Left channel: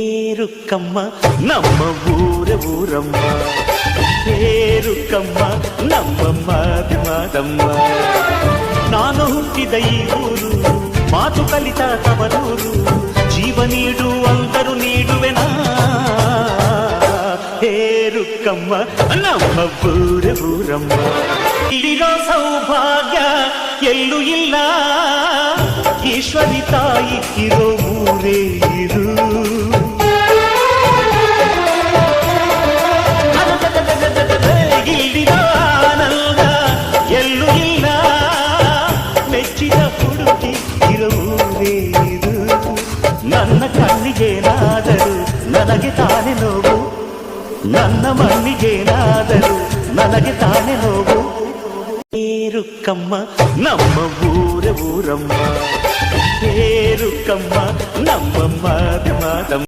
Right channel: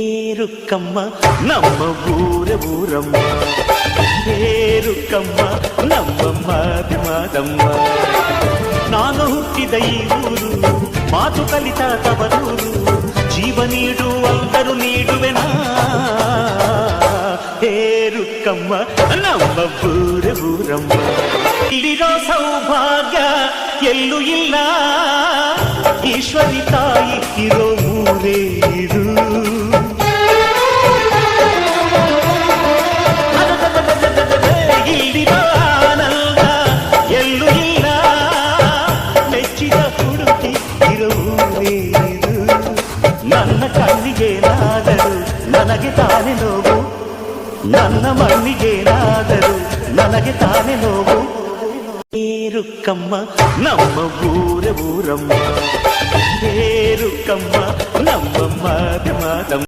ಏರುಕ್ಕಮ್ಮ ನಮ್ಮ ಊರಮ್ಮ ಏರುಕ್ಕಮ್ಮ ನಮ್ಮ ಮಾದಮ್ಮ. ನಾನು ಹುಟ್ಟಿದ ಈ ಊರು, ಮಾತು ಕಲಿತ ತವರೂರು, ಜೀವ ನೀಡು ಅಂದರು ನೀಡುವೆನಾ. ಏರುಕ್ಕಮ್ಮ ನಮ್ಮ ಊರಮ್ಮ. ಇಲ್ಲಿರೋ ಸೌಭಾಗ್ಯ ಎಲ್ಲೂ ಇಲ್ಲ, ಈಶ್ವರಿ ತಾಯಿ ಇರೋ ಊರೇ ಇದು. ಇಲ್ಲಿರೋ ಆನಂದ ಎಲ್ಲೂ ಇಲ್ಲ, ಮೆಚ್ಚಿದ ಹುಡುಗಿ ಇರೋ ಊರೇ ಇದು. ನನ್ನ ಕಣ್ಣಿಗೇನಾದರೂ ನನಗೆ ತಾನೇ ನೋವು, ನನ್ನ ಮಣ್ಣಿಗೇನಾದರೂ ನನಗೆ ತಾನೇ ನೋವು. ಏರುಕ್ಕಮ್ಮ ನಮ್ಮ ಊರಮ್ಮ, ಏರುಕ್ಕಮ್ಮ ನಮ್ಮ ಮಾದಮ್ಮ.